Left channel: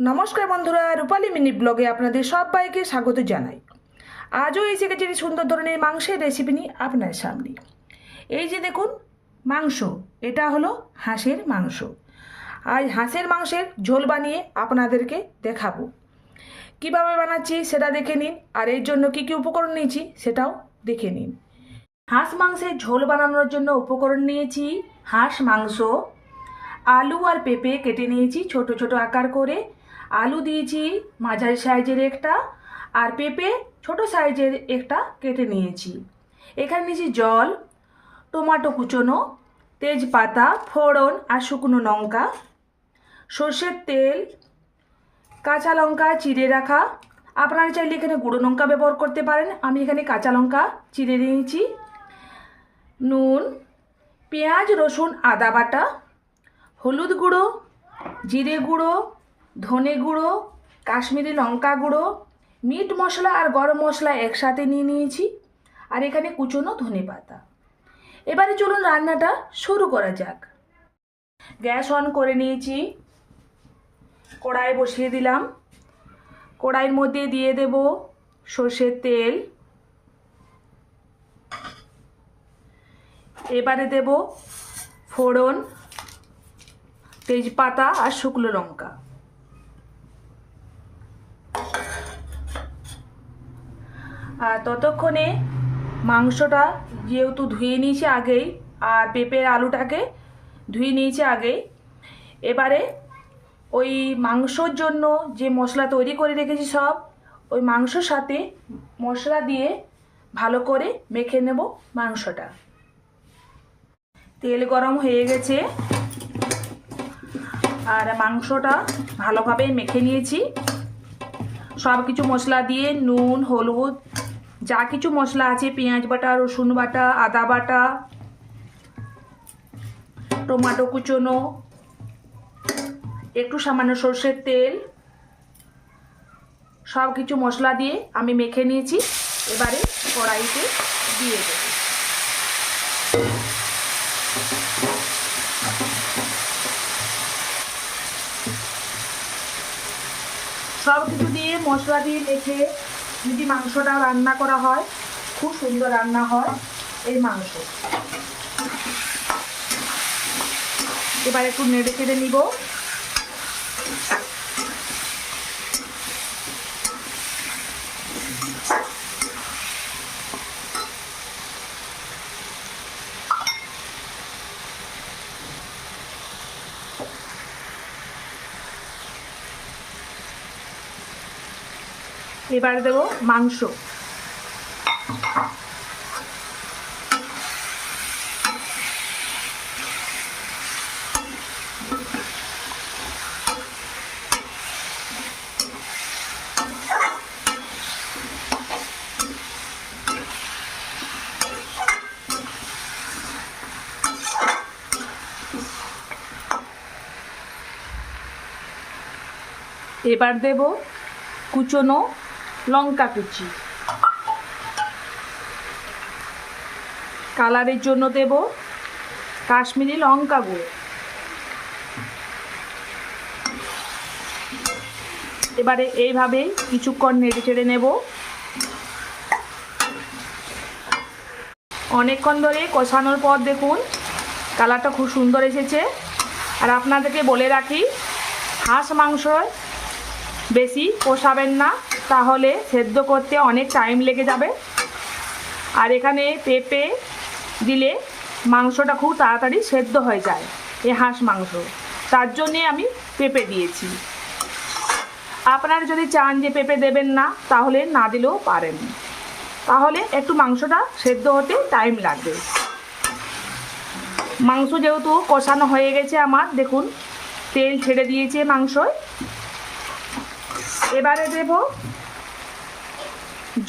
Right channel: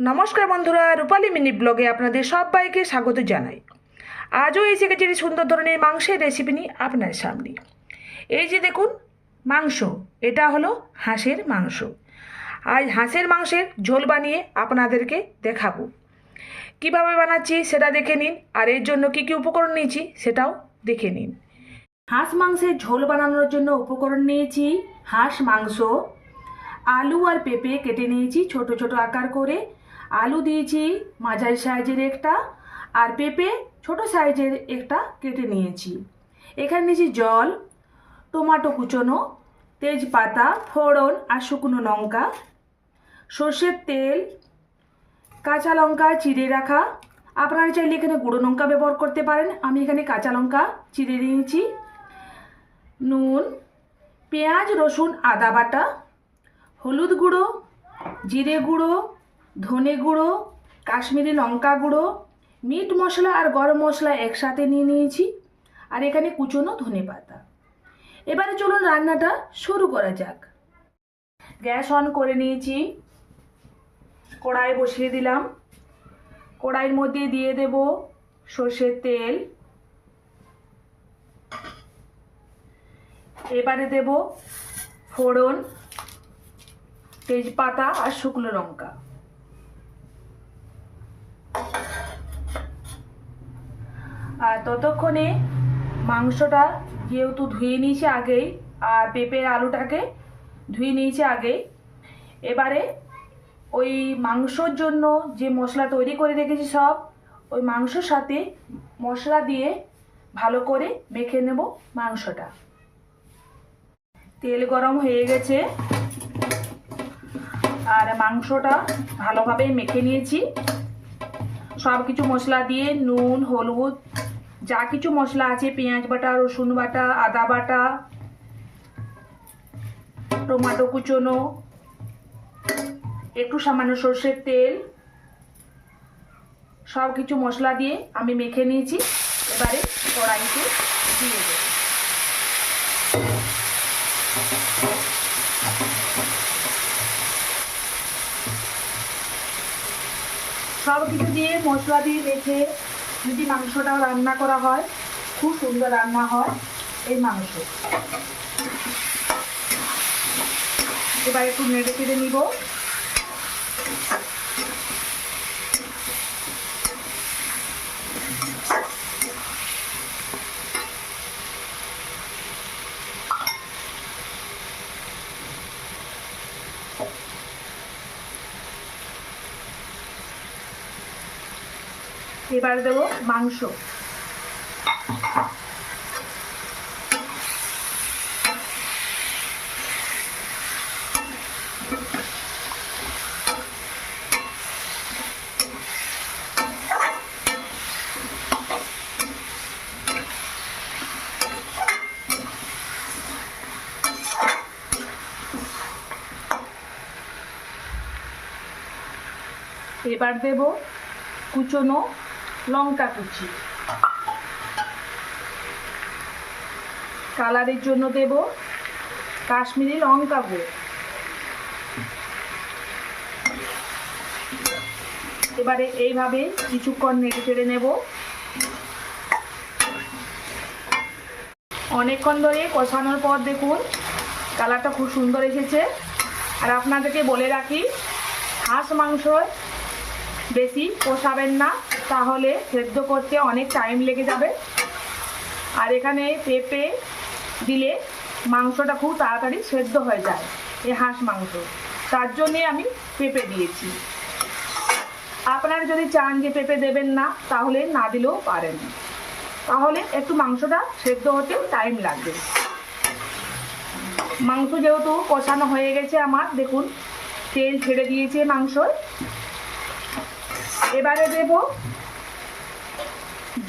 নমস্কার বন্ধুরা, রূপালী মিনি ব্লগে আপনাদের সবাইকে স্বাগত জানাই। আজও এসে গেছে একটি সুন্দর ধরনের মাংসের রেসিপি নিয়ে আপনার সামনে। এই যে দেখুন মাংস, এটা হলো হাঁসের মাংস। আজ হাঁসের মাংসের ঝোল বানিয়ে আপনাদেরকে দেখাবো। কিভাবে বানাচ্ছি সেটা দেখে নিন, আর এর জন্য কী কী উপকরণ নিয়েছি সেটাও দেখে নিন। হাঁস মাংসের ঝোল বানানোর জন্য উপকরণ নিয়েছি হাঁস মাংস, আলু আর পেঁপে কেটে নিয়েছি ছোট ছোট আকার করে। আলু দিয়েছি মাঝারি সাইজের একটা, আর পেঁপে ছোট সাইজের একটা কেটে নিয়েছি। এখানে নিয়েছি জল, টমেটো কুচোনো, তেজপাতা, ফোড়ন আর শুকনো লঙ্কা, সর্ষের তেল, কাঁচা লঙ্কা চিড়ে রাখা। আপনারা চাইলে এখানে গুঁড়ো লঙ্কা ব্যবহার করতে পারেন, আমি এখানে কাঁচা লঙ্কা চিড়ে নিয়েছি। নুন, পেঁয়াজ রসুন আদা বাটা, হলুদ গুঁড়ো, জিরে গুঁড়ো, ধনে গুঁড়ো, কাশ্মীরি লঙ্কা গুঁড়ো, মিট মশলা আর গরম মশলা একসাথে নিয়ে নিয়েছি, আর এখানে কুচনো ধনে পাতা। এবারে চলুন রান্নাটা শুরু করা যাক। গ্যাস অন করে নিয়েছি, কড়াই বসিয়ে দিলাম। কড়াইয়ের মধ্যে দিয়ে দেব সর্ষের তেল, এবারে দেব ফোড়ন, তেজপাতা আর শুকনো লঙ্কা। আর ততক্ষণে মাংসটা যেহেতু ধুয়ে নিয়েছি আগেই, আর পেঁপের আলুটাকে ধুয়ে নিয়েছি আগেই, এবারে ওই মাংসর জন্য যে মশলা তৈরি করে রেখেছি সব ওই মাংসর সাথে মশলা দিয়ে ভালো করে মেখে নেব মাংসটা। তেল গরম হয়ে গেছে, আর মাংসটা ভালোভাবে মেখে নিয়েছি সব কিছু মশলা দিয়ে। নুন, হলুদ, যা কিছু মশলা আছে, পেঁয়াজ বাটা, রসুন বাটা, আদা বাটা, টমেটো কুচোনো, একটু সামান্য সর্ষের তেল, সব কিছু মশলা দিয়ে আমি মেখে নিয়েছি। এবারে কড়াইতে দিয়ে দেব। সব কিছু দিয়ে মশলা দিয়ে রেখে যদি মাংসটা রান্না করা হয় খুব সুন্দর রান্না হয় এই মাংস। এবার একটু নেড়ে চেড়ে নিব। এবারে দেবো মাংস। এবার দেব কুচনো লঙ্কা কুচি, কালারের জন্য দেব কাশ্মীরি লঙ্কা গুঁড়ো। এবারে এইভাবে কিছুক্ষণ নেড়ে চেড়ে নেব। অনেকক্ষণ ধরে কষানোর পর দেখুন কালারটা খুব সুন্দর এসেছে। আর আপনাদেরকে বলে রাখি, হাঁস মাংস বেশি কষাবেন না, তাহলে সেদ্ধ করতে অনেক টাইম লেগে যাবে। আর এখানে পেঁপে দিলে মাংসটা খুব তাড়াতাড়ি সেদ্ধ হয়ে যায় এই হাঁস মাংস, তার জন্যে আমি পেঁপে দিয়েছি। আপনারা যদি চান যে পেঁপে দেবেন না তাহলে না দিলেও পারেন, তাহলে একটু মাংসটা সেদ্ধ হতে টাইম লাগবে। মাংস যেহেতু কষানো হয়ে গেছে আমার, দেখুন তেল ছেড়ে দিয়েছে মাংসয়। এবারে দেব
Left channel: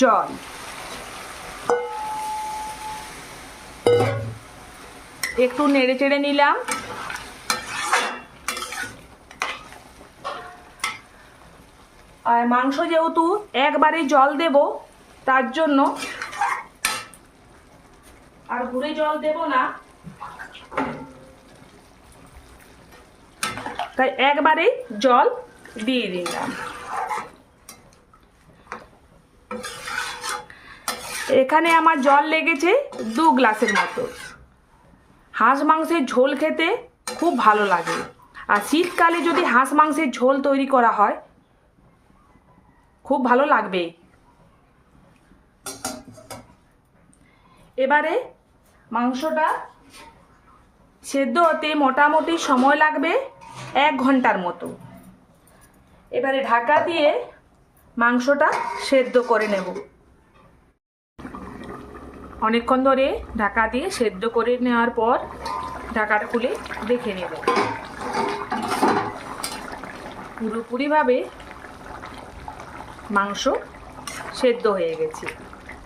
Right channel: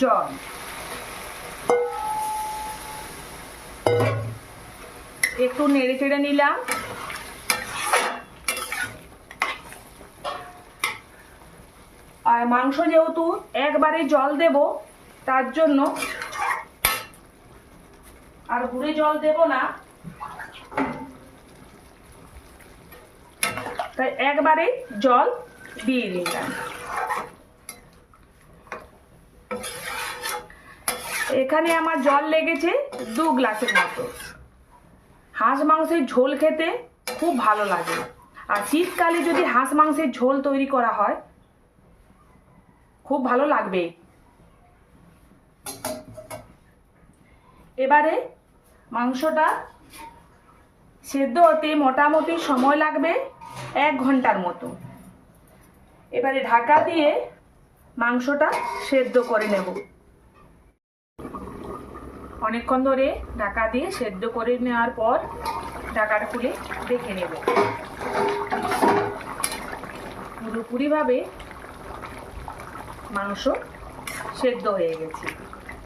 জল। একটু নেড়ে চেড়ে নিলাম। আর মাংস যেহেতু একবারে জল দেব, তার জন্য আর ঘুরে জল দেব না, তাই একবারেই জল দিয়ে দিলাম। এখানে আমার জল লেগেছে 2 গ্লাসের মতো। হাঁস মাংসের ঝোল খেতে খুব ভালো লাগে, আর শীতকালে যদি হাঁস মাংসের ঝোল তৈরি করা হয় খুব ভালো লাগবে। এবারে মাংসটা সেদ্ধ হতে মোটামুটি সময় লাগবে 1 ঘন্টার মতো। এবারে ঢাকা দিয়ে মাংসটা সেদ্ধ করে নেব। অনেকক্ষণ ধরে ঢাকা দিয়ে সেদ্ধ করে নেওয়ার পর ঢাকাটা খুলে দেখে নেব। পুরোপুরিভাবে মাংস সেদ্ধ হয়ে গেছে,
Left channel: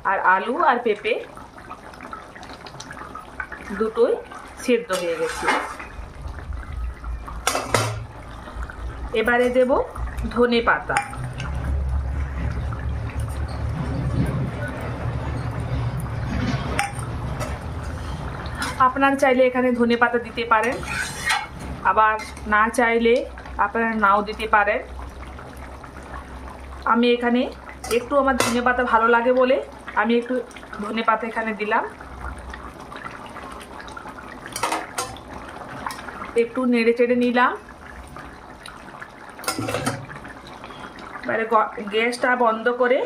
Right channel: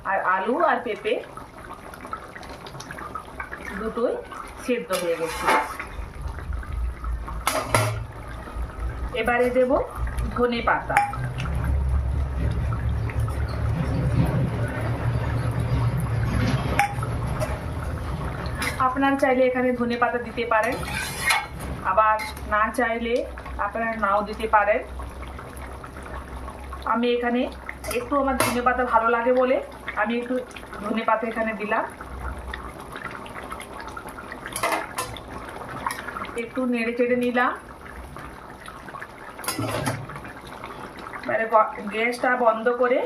আর আলু আর পেঁপে দুটোই সেদ্ধ হয়ে গেছে। এবারে দেব ধনে পাতা। আপনারা চাইলে এখানে ধনে পাতা দিতে পারেন, আবার না চাইলে আপনারা নাও দিতে পারেন। আমি এখানে একটু আমার ধনে পাতা ভালো লাগে বলে আমি একটু ধনে পাতা এখানে দিলাম। একটু নেড়ে চেড়ে নিলাম। এবারে গ্যাসটা বন্ধ করে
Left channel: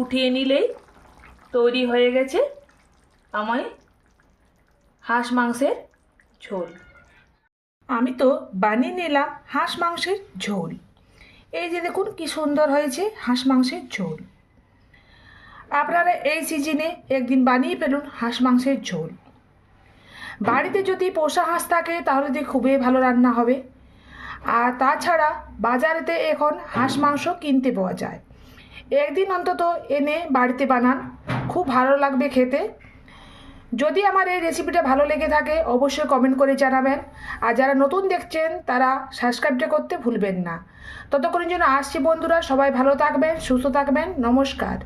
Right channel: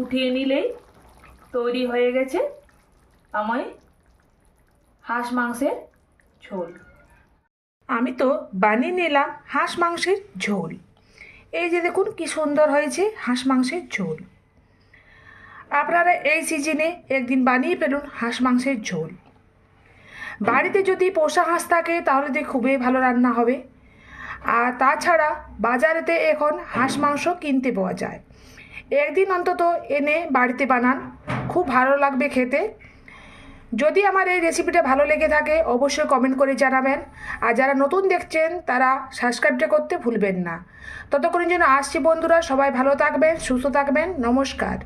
উঠিয়ে নিলেই তৈরি হয়ে গেছে আমার হাঁস মাংসের ঝোল। আমি তো বানিয়ে নিলাম হাঁস মাংসের ঝোল। এই যে দেখুন কি সুন্দর হয়েছে হাঁস মাংসের ঝোল। আপনারা এই সিজনে একদিন বানিয়ে ফেলুন হাঁস মাংসের ঝোল। বাড়িতে যদি পোষা হাঁস থাকে তাহলে তো খুবই ভালো রান্না হবে। আর তাছাড়া বাজারেতে এখন হাঁস মাংস কিনতে পাওয়া যায়। একদিন অন্তত এনে বাড়িতে বানান, খুব ভালো লাগবে খেতে। যদি আমার এই রেসিপিটা ভালো লেগে থাকে অবশ্যই কমেন্ট করে জানাবেন। আর যারা নতুন দেখছেন তারা সাবস্ক্রাইবটা করতে ভুলবেন না। ততক্ষণের জন্য আসছি বন্ধুরা, সবাই ভালো থাকবেন, সুস্থ থাকবেন, নমস্কার।